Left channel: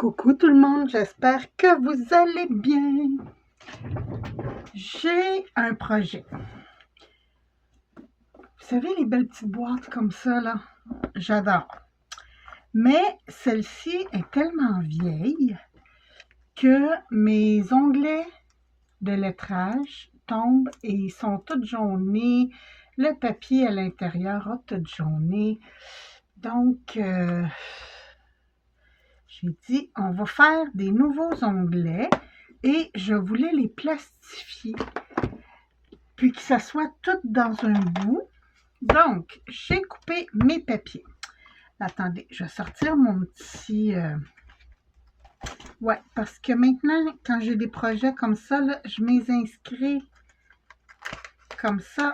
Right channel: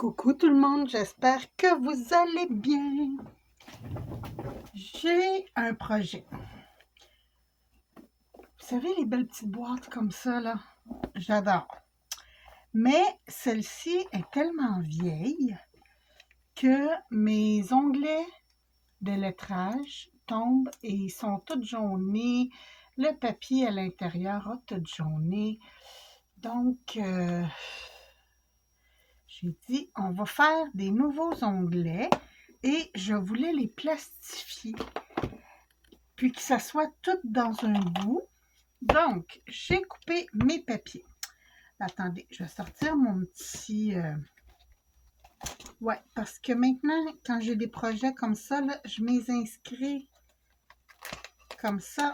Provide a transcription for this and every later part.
Coucou tout le monde, j'espère que vous allez bien. J'ai un projet. Vous savez, les belles petites boîtes comme ça, là, j'adore. Mais celle-ci est tellement vieille que mes onglets de lettrage tombent et ils sont tous jaunis. Le papier à l'intérieur a tout jauné. Donc, j'ai dit, on va faire des nouveaux onglets et je voulais les plastifier, puis que ça soit tout dans un bout. Donc, j'ai coupé mes papiers. Attendez, je vais sortir mon petit... Ouais, parce que maintenant, quand j'ai des projets comme ça, là, je m'inscris comme ça.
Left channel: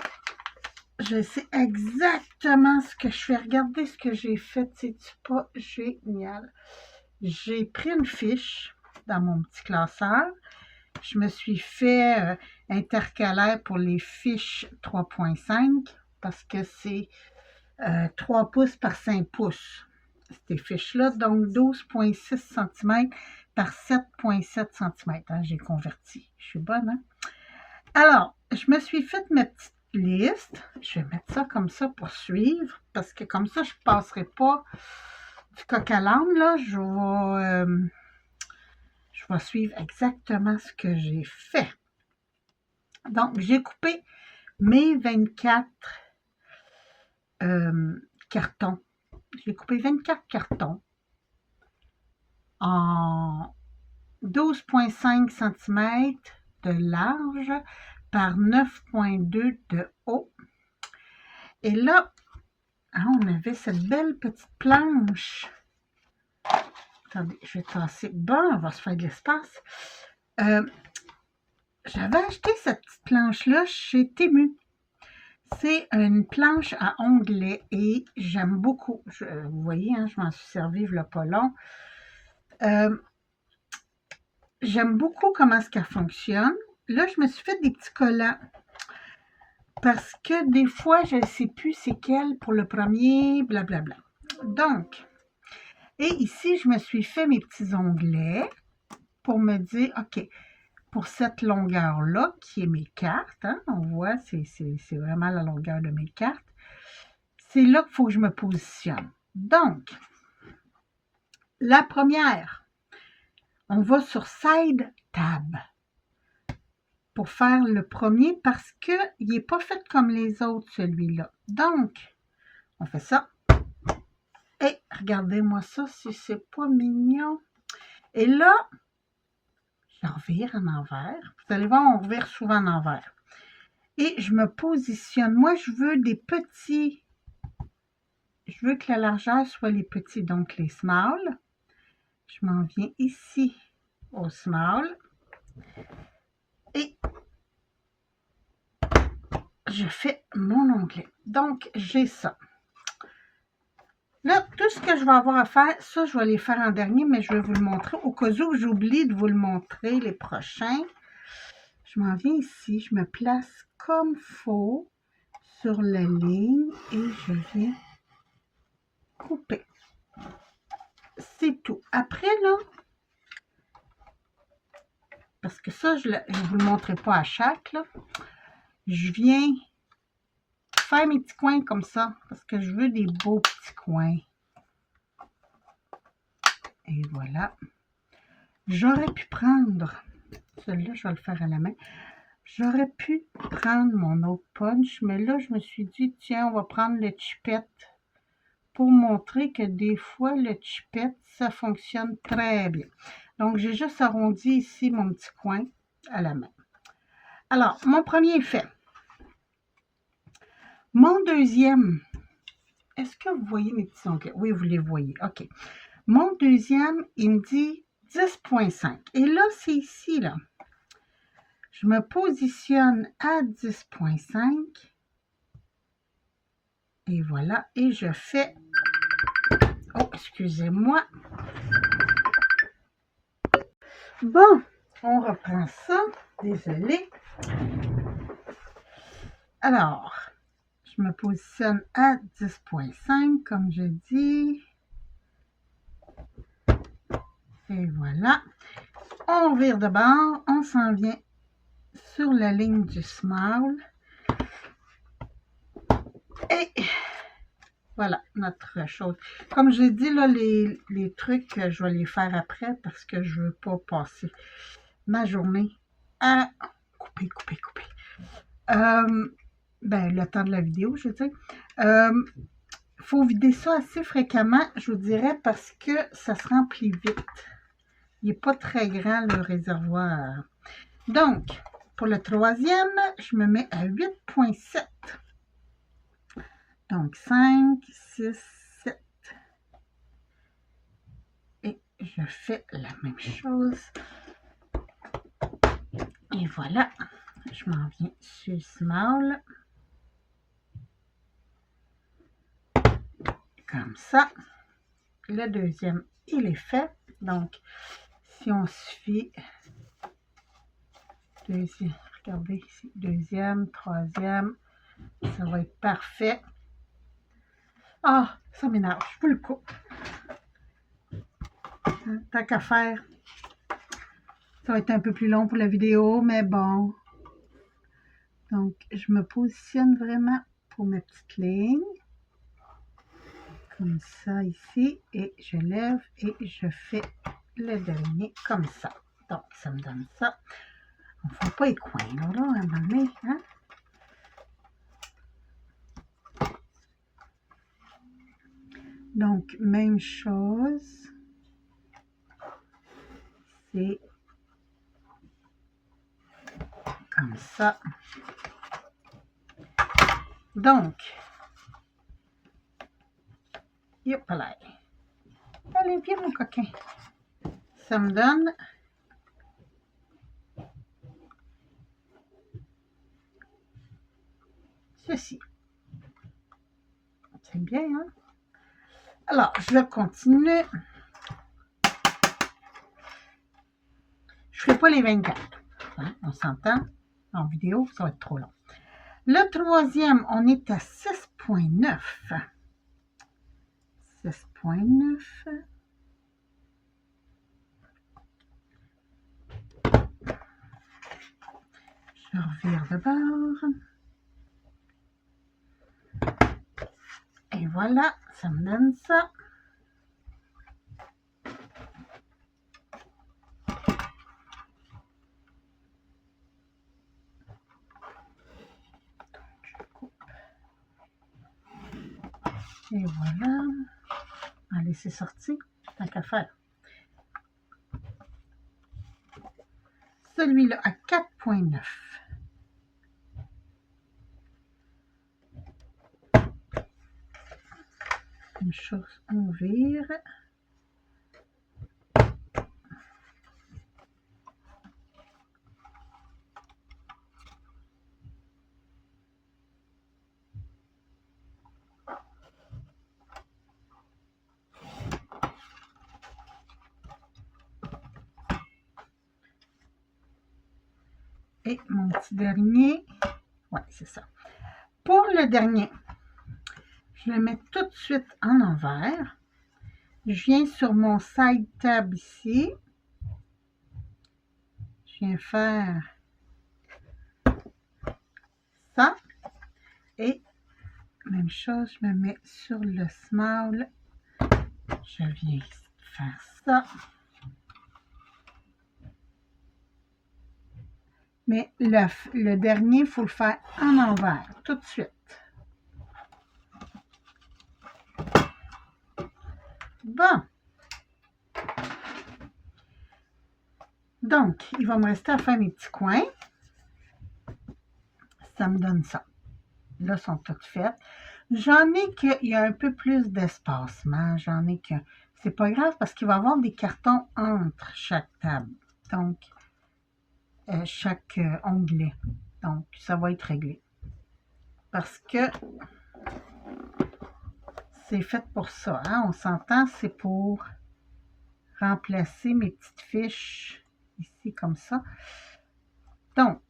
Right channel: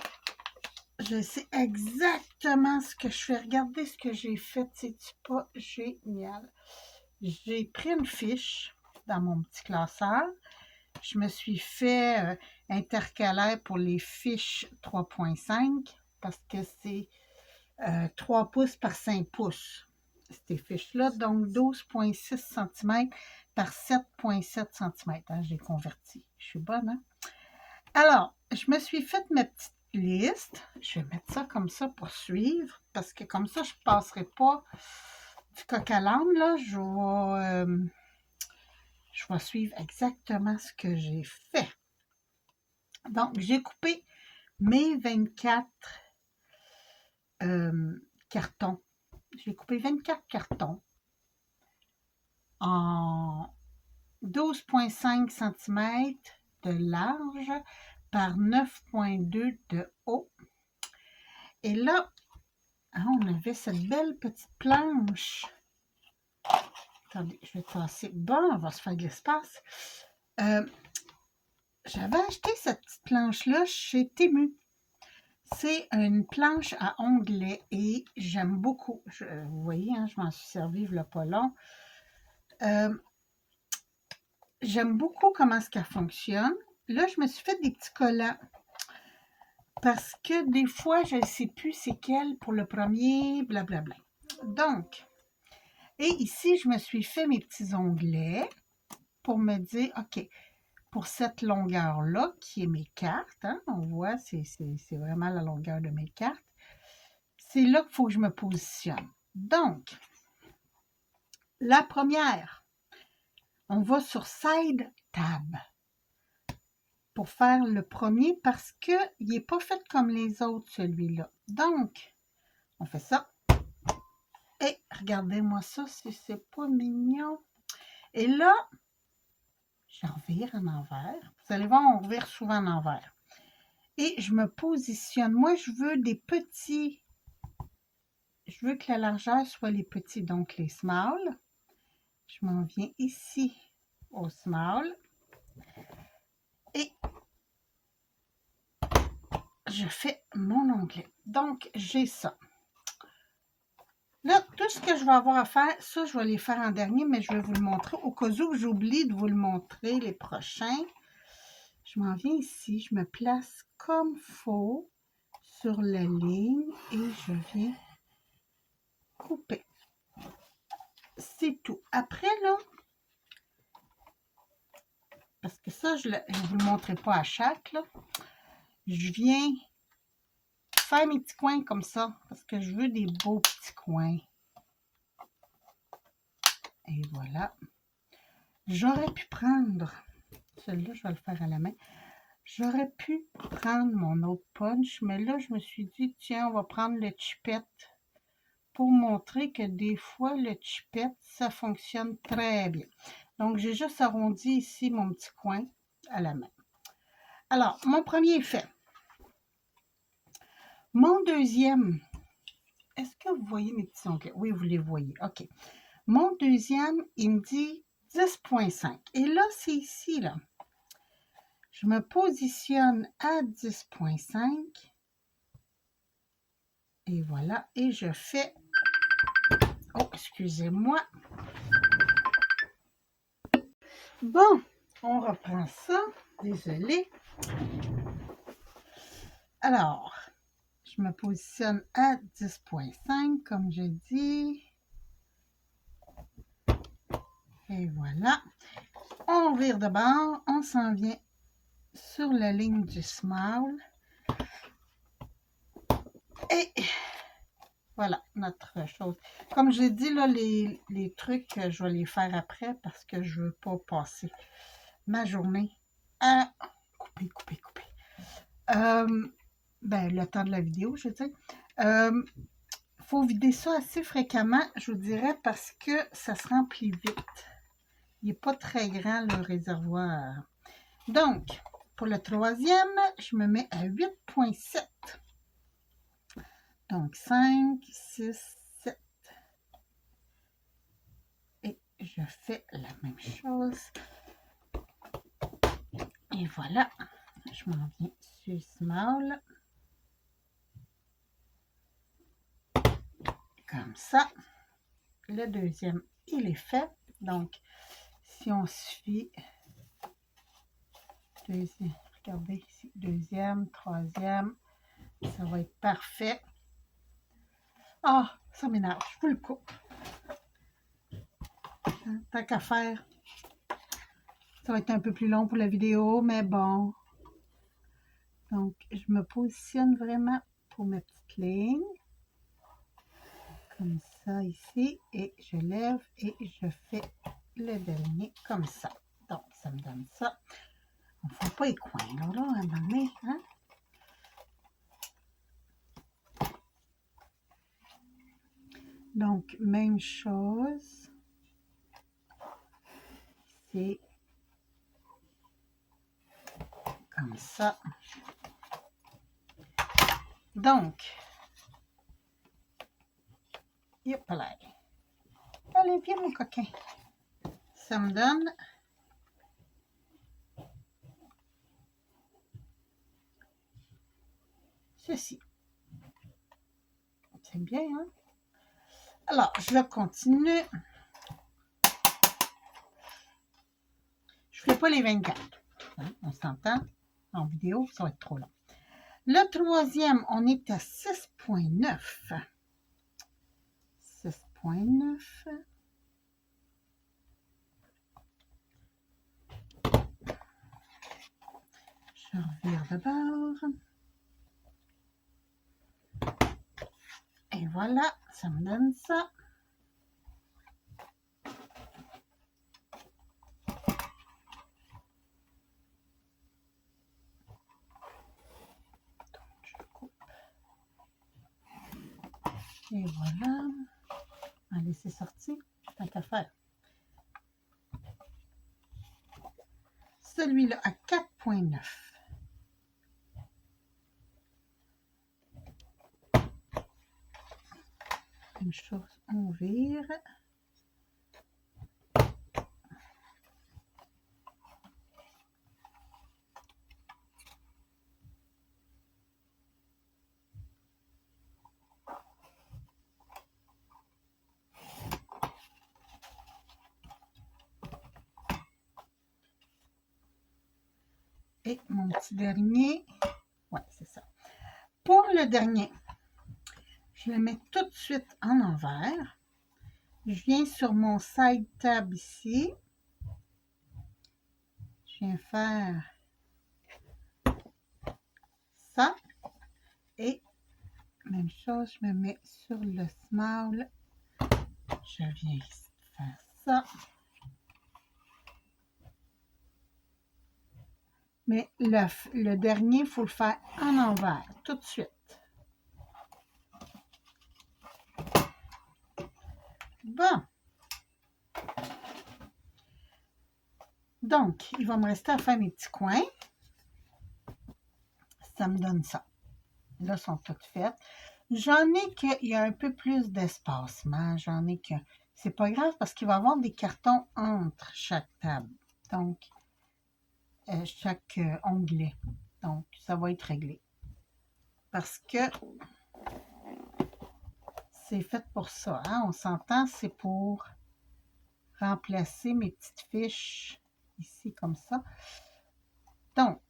Je sais exactement ce que je fais. Regardez ce que j'ai fait. C'est-tu pas génial? J'ai pris une fiche dans mon petit classeur. Je me suis fait intercalaire pour les fiches 3.5 parce que c'est 3 pouces par 5 pouces, ces fiches-là. Donc, 12,6 cm par 7,7 cm. Hein, j'ai converti. Je suis bonne, hein? Alors, je me suis fait ma petite liste. Je vais mettre ça comme ça pour suivre parce que comme ça, je ne passerai pas du coq à l'âne, là. Je vais suivre exactement ce que j'ai fait. Donc, j'ai coupé mes 24 cartons. J'ai coupé 24 cartons en 12,5 cm de large par 9,2 de haut. Et là, hein, on avait cette belle petite planche. Attendez, je vais tasser. Bon, on va se faire de l'espace. J'avais acheté cette petite planche-là chez Temu. C'est une planche à onglets et j'aime beaucoup. Vous voyez, hein, je m'en suis servi il n'y a pas long. J'aime beaucoup comment est-ce qu'elle fonctionne. Là, je me suis fait des petits collants parce que des fois, je ne sais plus c'est quel pour le premier, blablabla. Donc, et ici, je me suis fait mes petits onglets pour me dire, OK, pour cette longueur-là, qui est mes cartes, hein, on voit, c'est vraiment la longueur de mes cartes. C'est là qu'il faut que je me positionne. Donc, la première, on va sur Side Tab pour faire le premier parce qu'il n'est pas fait comme les autres, celui-là. Donc, on fait ça. Et regardez-moi ça, si c'est pas mignon. Et là, je revire en envers. Vous allez voir, on revire souvent en envers. Et je me positionne. Moi, je veux des petits. Je veux que la largeur soit les petits, donc les small. Je m'en viens ici au small. Et je fais mon onglet. Donc, j'ai ça. Là, tout ce que je vais avoir à faire, ça, je vais les faire en dernier, mais je vais vous le montrer. Au cas où j'oublie de vous le montrer les prochains, je m'en viens ici, je me place comme il faut sur la ligne et je viens couper. C'est tout. Après, là, parce que ça, je ne vous le montrerai pas à chaque, là, je viens faire mes petits coins comme ça, parce que je veux des beaux petits coins. Et voilà. J'aurais pu prendre, celui-là, je vais le faire à la main. J'aurais pu prendre mon autre punch, mais là, je me suis dit, tiens, on va prendre le chipette pour montrer que des fois, le chipette, ça fonctionne très bien. Donc, j'ai juste arrondi ici mon petit coin à la main. Alors, mon premier est fait. Mon deuxième, est-ce que vous voyez mes petits onglets? Oui, vous les voyez. OK. Mon deuxième, il me dit 10,5. Et là, c'est ici, là. Je me positionne à 10,5. Et voilà. Et je fais... Oh, excusez-moi. Bon, on reprend ça. Désolée. Alors, je me positionne à 10,5, comme je dis. Et Et voilà. On vire de bord. On s'en vient sur la ligne du smile. Et voilà notre chose. Comme j'ai dit, là, les trucs, je vais les faire après parce que je ne veux pas passer ma journée à couper. Ben, le temps de la vidéo, je veux dire. Il faut vider ça assez fréquemment, je vous dirais, parce que ça se remplit vite. Il n'est pas très grand, le réservoir. Donc, pour le troisième, je me mets à 8,7. Donc, 5, 6, 7. Et je fais la même chose. Et voilà, je m'en viens sur Small. Comme ça. Le deuxième, il est fait. Donc, si on suffit, deuxième, regardez ici, deuxième, troisième, ça va être parfait. Ah, ça m'énerve, je vous le coupe. Tant qu'à faire. Ça va être un peu plus long pour la vidéo, mais bon. Donc, je me positionne vraiment pour mes petites lignes. Comme ça ici. Et je lève et je fais le dernier comme ça. Donc, ça me donne ça. On ne fait pas les coins, là, à un moment donné, hein? Donc, même chose. C'est comme ça. Donc, hop là. Allez, viens mon coquin. Ça me donne ceci. C'est bien, hein? Alors, je continue. Je ne ferai pas les 24. Hein? On s'entend? En vidéo, ça va être trop long. Le troisième, on est à 6,9. 6,9. Je revire de bord. Et voilà, ça me donne ça. Et voilà. On va laisser sortir, tant qu'à faire. Celui-là à 4,9. Une chose, on vire. Et mon petit dernier, ouais, c'est ça. Pour le dernier, je le mets tout de suite en envers. Je viens sur mon side tab ici. Je viens faire ça. Et même chose, je me mets sur le small. Je viens faire ça. Mais le dernier, il faut le faire en envers, tout de suite. Bon. Donc, il va me rester à faire mes petits coins. Ça me donne ça. Là, ils sont toutes faites. J'en ai qu'il y a un peu plus d'espacement. J'en ai que... C'est pas grave parce qu'il va y avoir des cartons entre chaque table. Donc, chaque onglet. Donc, ça va être réglé. Parce que c'est fait pour ça. Hein? On s'entend, c'est pour remplacer mes petites fiches ici comme ça. Donc,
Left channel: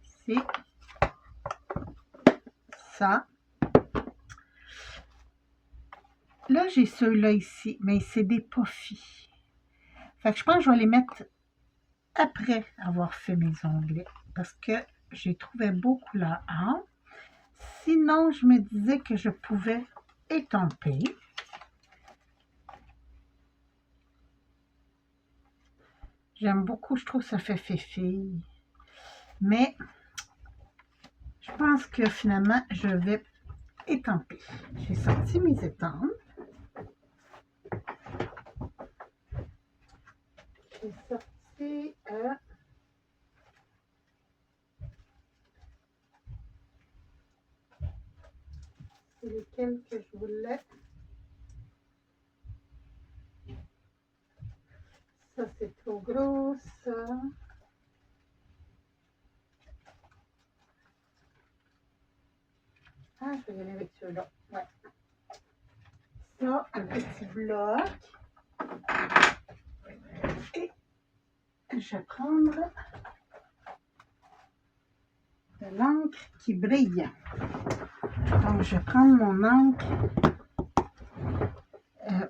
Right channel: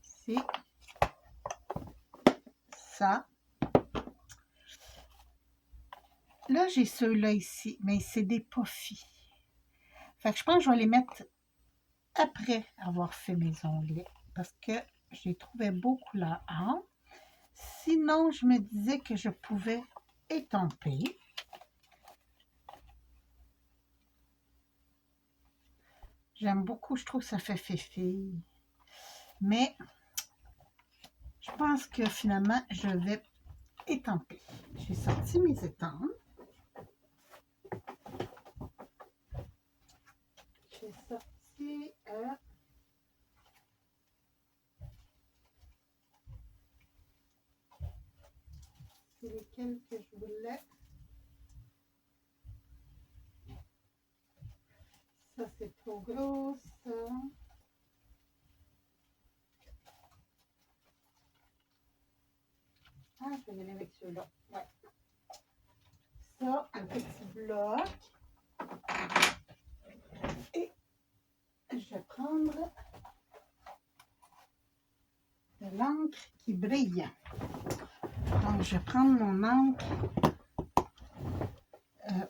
c'est ça. Là, j'ai ceux-là ici, mais c'est des puffy. Fait que je pense que je vais les mettre après avoir fait mes onglets parce que j'ai trouvé beau couleur A. Sinon, je me disais que je pouvais étamper. J'aime beaucoup, je trouve que ça fait fille. Mais je pense que finalement, je vais étamper. J'ai sorti mes étampes. J'ai sorti c'est lesquels que je voulais. Ça, c'est trop gros, ça. Ah, je vais y aller avec ceux-là. Ouais. Ça, un petit bloc. Et je vais prendre de l'encre qui brille. Donc, je vais prendre mon encre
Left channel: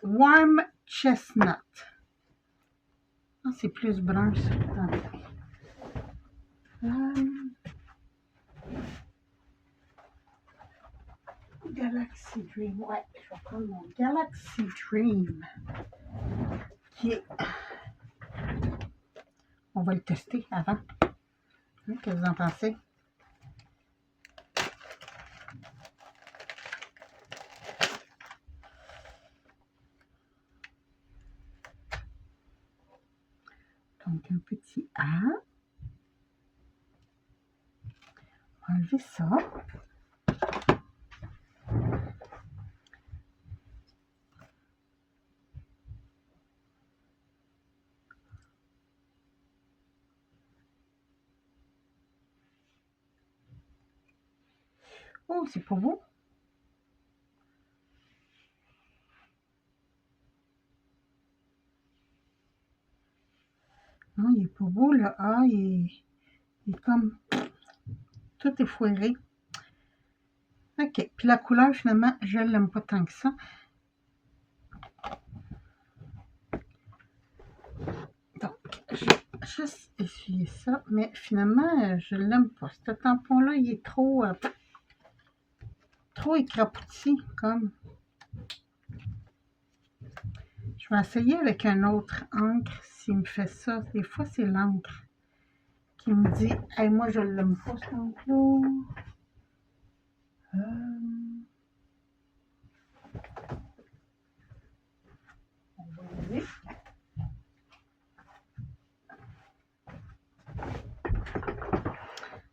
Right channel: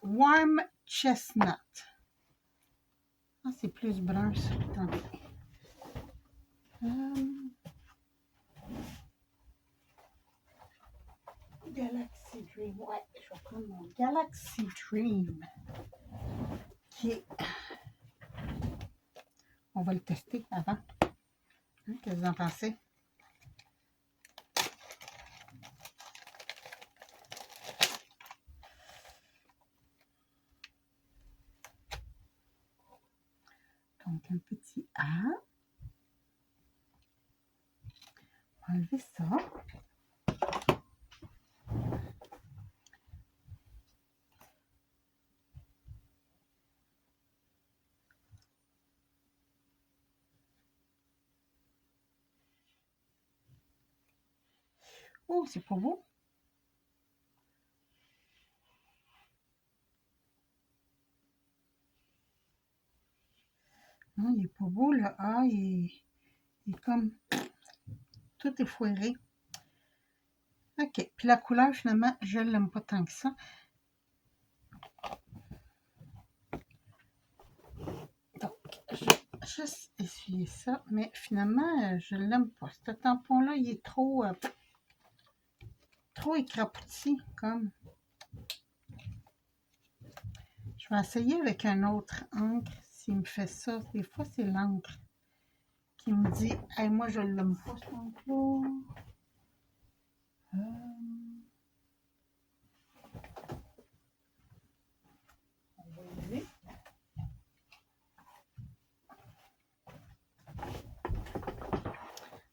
Warm Chestnut. Ah, c'est plus brun, ça. Attendez. Galaxy Dream. Ouais, je vais prendre mon Galaxy Dream. Qui est... On va le tester avant. Qu'est-ce que vous en pensez? Donc, un petit A. On va enlever ça. Oh, c'est pas beau. Non, il est pas beau, le A. Il est comme... Tout est foiré. OK. Puis la couleur, finalement, je ne l'aime pas tant que ça. Donc, je vais juste essuyer ça. Mais finalement, je ne l'aime pas. Ce tampon-là, il est trop écrapouti, comme. Je vais essayer avec un autre encre s'il me fait ça. Des fois, c'est l'encre qui me dit « Hey, moi, je ne l'aime pas, cet encre-là. »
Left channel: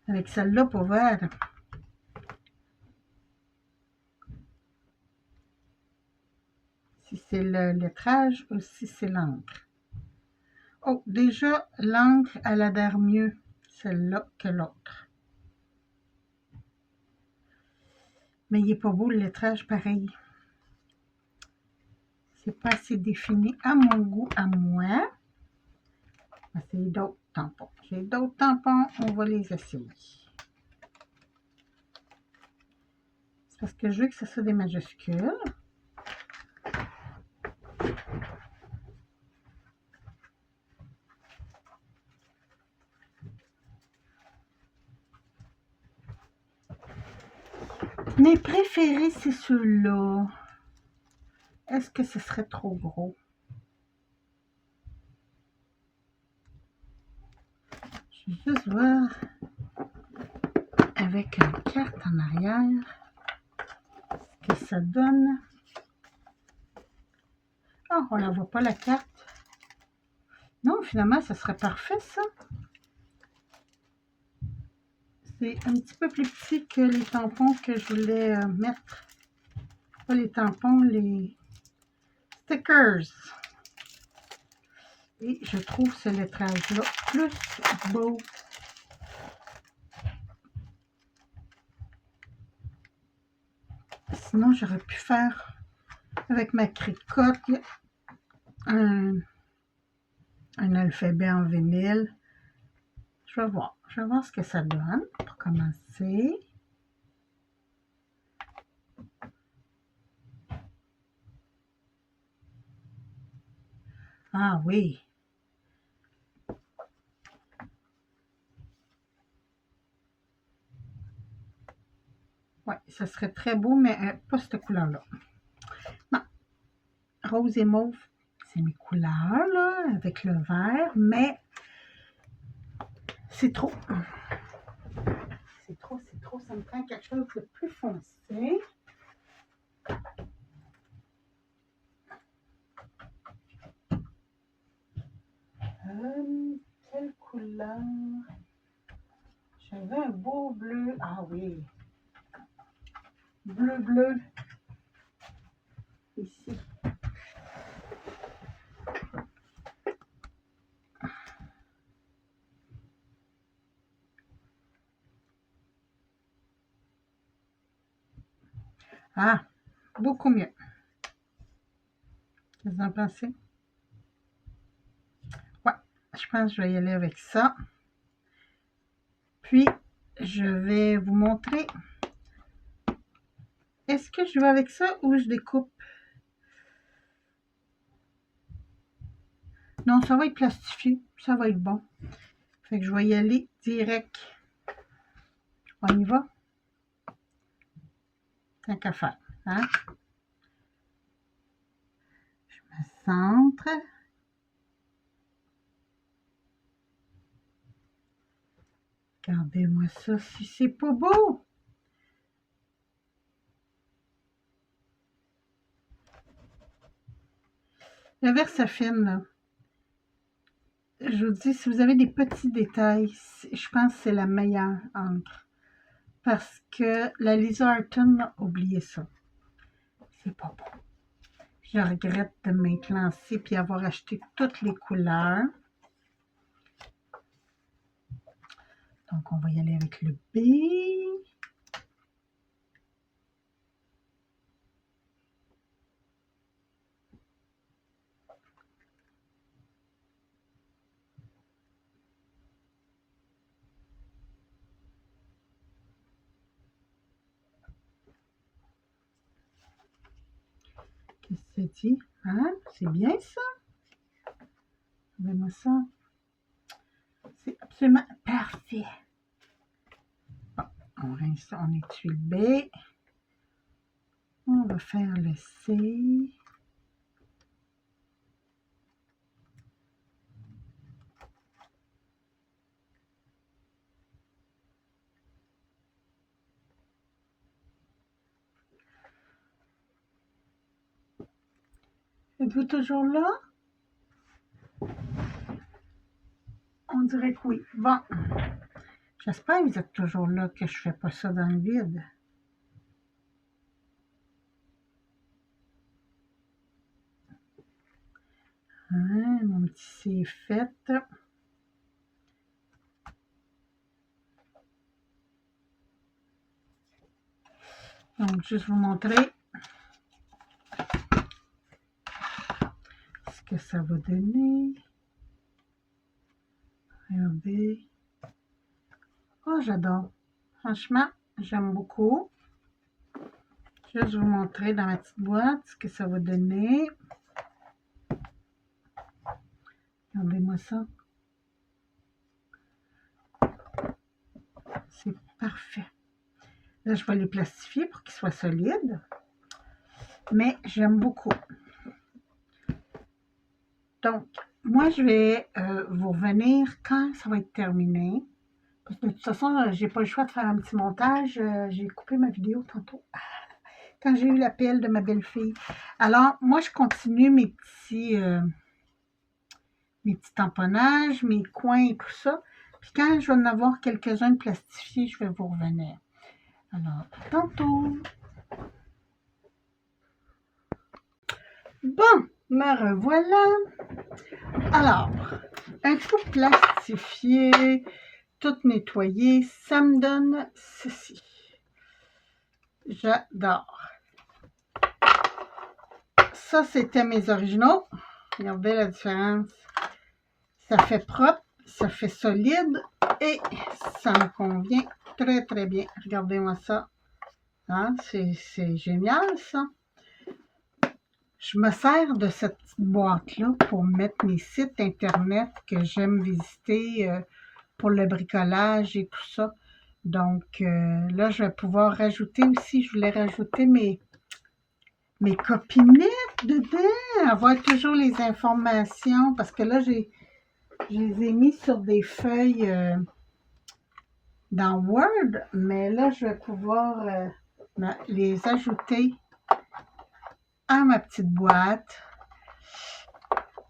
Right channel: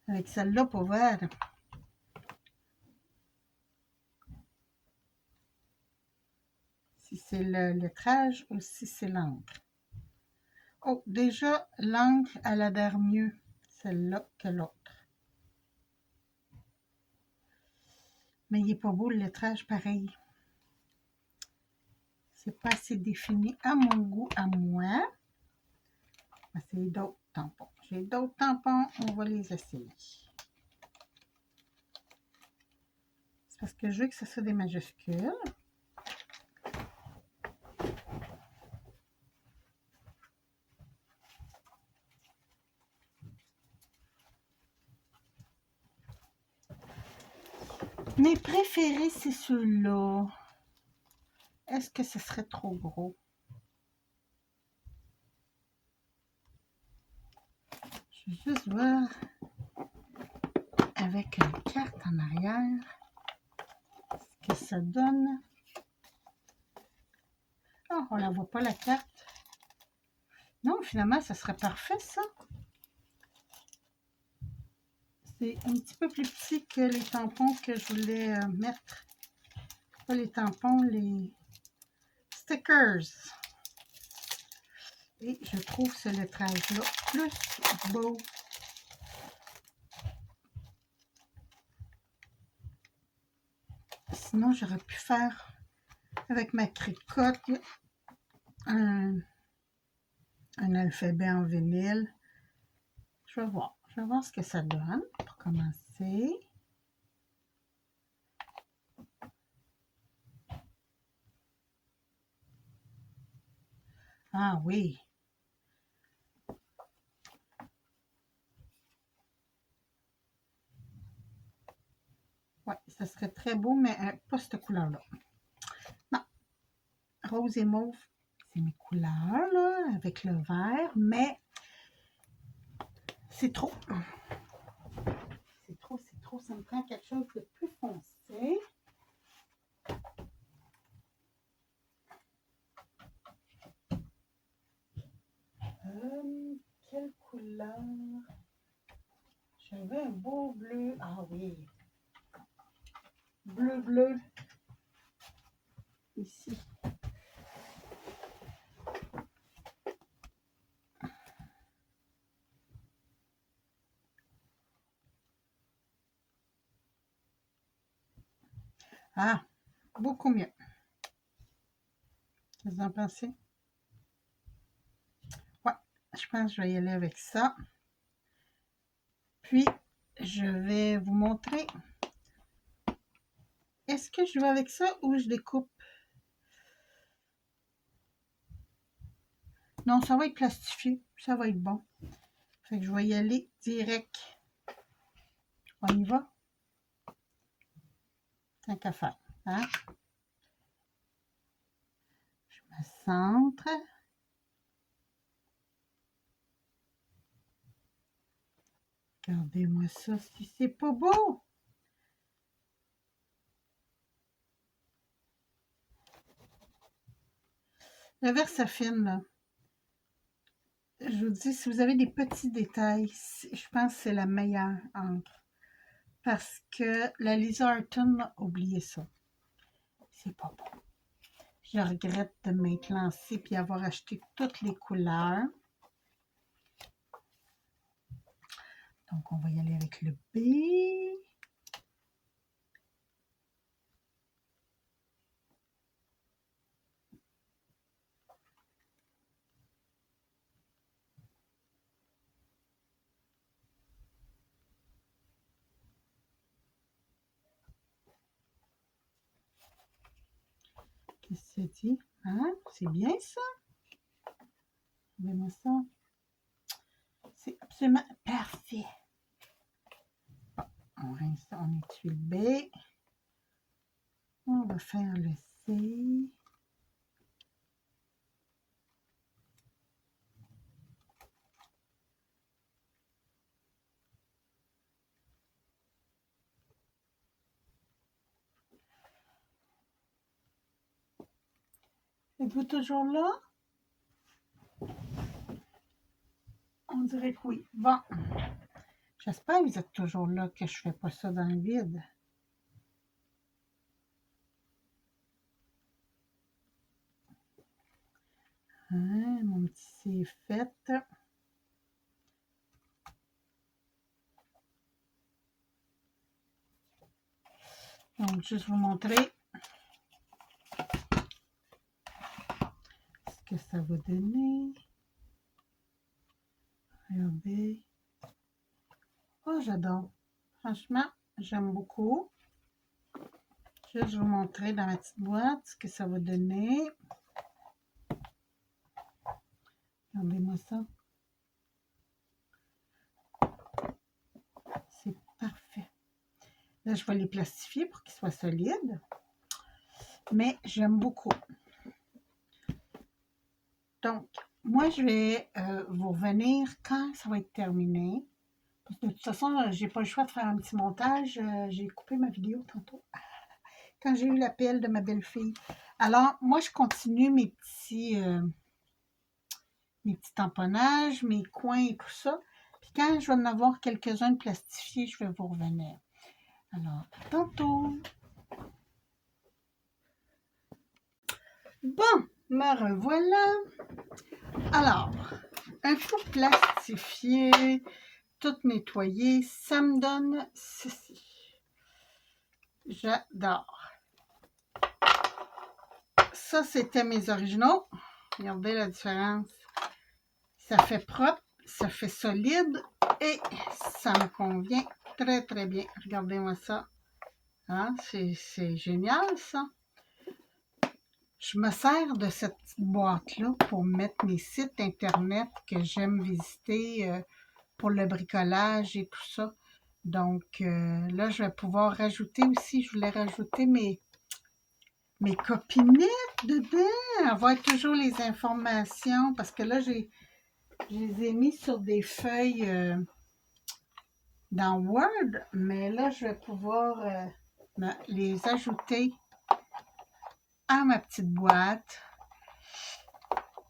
Avec celle-là pour vert. Si c'est le lettrage ou si c'est l'encre. Oh, déjà, l'encre, elle adhère mieux, celle-là, que l'autre. Mais il n'est pas beau, le lettrage, pareil. C'est pas assez défini à mon goût, à moi. On va essayer d'autres tampons. J'ai d'autres tampons, on va les essayer. C'est parce que je veux que ce soit des majuscules. Mes préférés, c'est ceux-là. Est-ce que ce serait trop gros? Je vais juste voir avec une carte en arrière ce que ça donne. Oh, on ne la voit pas la carte. Non, finalement, ça serait parfait, ça. C'est un petit peu plus petit que les tampons que je voulais mettre. Pas les tampons, les stickers. Et je trouve ce lettrage-là plus beau. Sinon, j'aurais pu faire avec ma cricotte un alphabet en vinyle. Je vais voir ce que ça donne pour commencer. Ah oui. Oui, ça serait très beau, mais pas cette couleur-là. Non, rose et mauve, c'est mes couleurs, là, avec le vert, mais c'est trop. C'est trop, c'est trop. Ça me prend quelque chose de plus foncé. Quelle couleur? J'avais un beau bleu. Ah oui. Bleu, bleu. Ici. Ah, beaucoup mieux. Qu'est-ce que vous en pensez? Ouais, je pense que je vais y aller avec ça. Puis, je vais vous montrer. Est-ce que je vais avec ça ou je découpe? Non, ça va être plastifié. Ça va être bon. Fait que je vais y aller direct. On y va? Tant qu'à faire. Hein? Je me centre. Regardez-moi ça, si c'est pas beau! La Versafine, là. Je vous dis, si vous avez des petits détails, je pense que c'est la meilleure encre. Parce que la Lisa Arton, oubliez ça. C'est pas bon. Je regrette de m'être lancée et avoir acheté toutes les couleurs. Donc, on va y aller avec le B. Qu'est-ce que c'est dit? Hein? C'est bien ça? Regardez-moi ça. C'est absolument parfait. Bon, on rince, on étue le B. On va faire le C. Êtes-vous toujours là? On dirait que oui. Bon. J'espère que vous êtes toujours là, que je ne fais pas ça dans le vide. Hein, mon petit c'est fait. Donc, juste vous montrer ce que ça va donner. Regardez. Oh, j'adore. Franchement, j'aime beaucoup. Juste vous montrer dans ma petite boîte ce que ça va donner. Regardez-moi ça. C'est parfait. Là, je vais les plastifier pour qu'ils soient solides. Mais j'aime beaucoup. Donc, moi, je vais vous revenir quand ça va être terminé. Parce que de toute façon, j'ai pas le choix de faire un petit montage. J'ai coupé ma vidéo tantôt. Quand j'ai eu l'appel de ma belle-fille. Alors, moi, je continue mes petits tamponnages, mes coins et tout ça. Puis quand je vais en avoir quelques-uns de plastifiés, je vais vous revenir. Alors, tantôt. Bon, me revoilà. Alors, un coup plastifié, tout nettoyé, ça me donne ceci. J'adore. Ça, c'était mes originaux. Regardez la différence. Ça fait propre, ça fait solide et ça me convient très, très bien. Regardez-moi ça. Hein? C'est génial, ça. Je me sers de cette petite boîte-là pour mettre mes sites internet que j'aime visiter pour le bricolage et tout ça. Donc là, je vais pouvoir rajouter aussi, je voulais rajouter mes copinettes dedans, avoir toujours les informations, parce que là, je les ai mis sur des feuilles dans Word, mais là, je vais pouvoir les ajouter à ma petite boîte.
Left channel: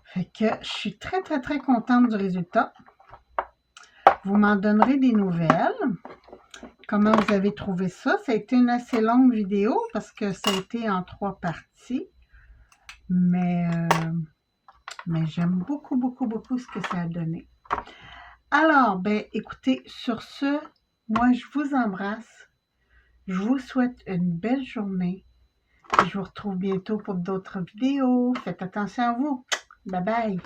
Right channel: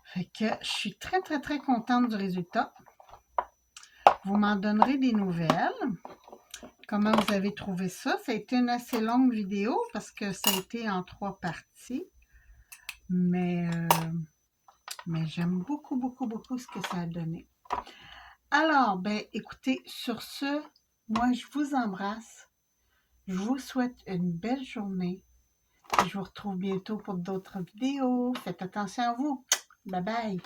Fait que je suis très, très, très contente du résultat. Vous m'en donnerez des nouvelles. Comment vous avez trouvé ça? Ça a été une assez longue vidéo parce que ça a été en 3 parties. Mais j'aime beaucoup, beaucoup, beaucoup ce que ça a donné. Alors, ben écoutez, sur ce, moi, je vous embrasse. Je vous souhaite une belle journée. Je vous retrouve bientôt pour d'autres vidéos. Faites attention à vous. Bye bye.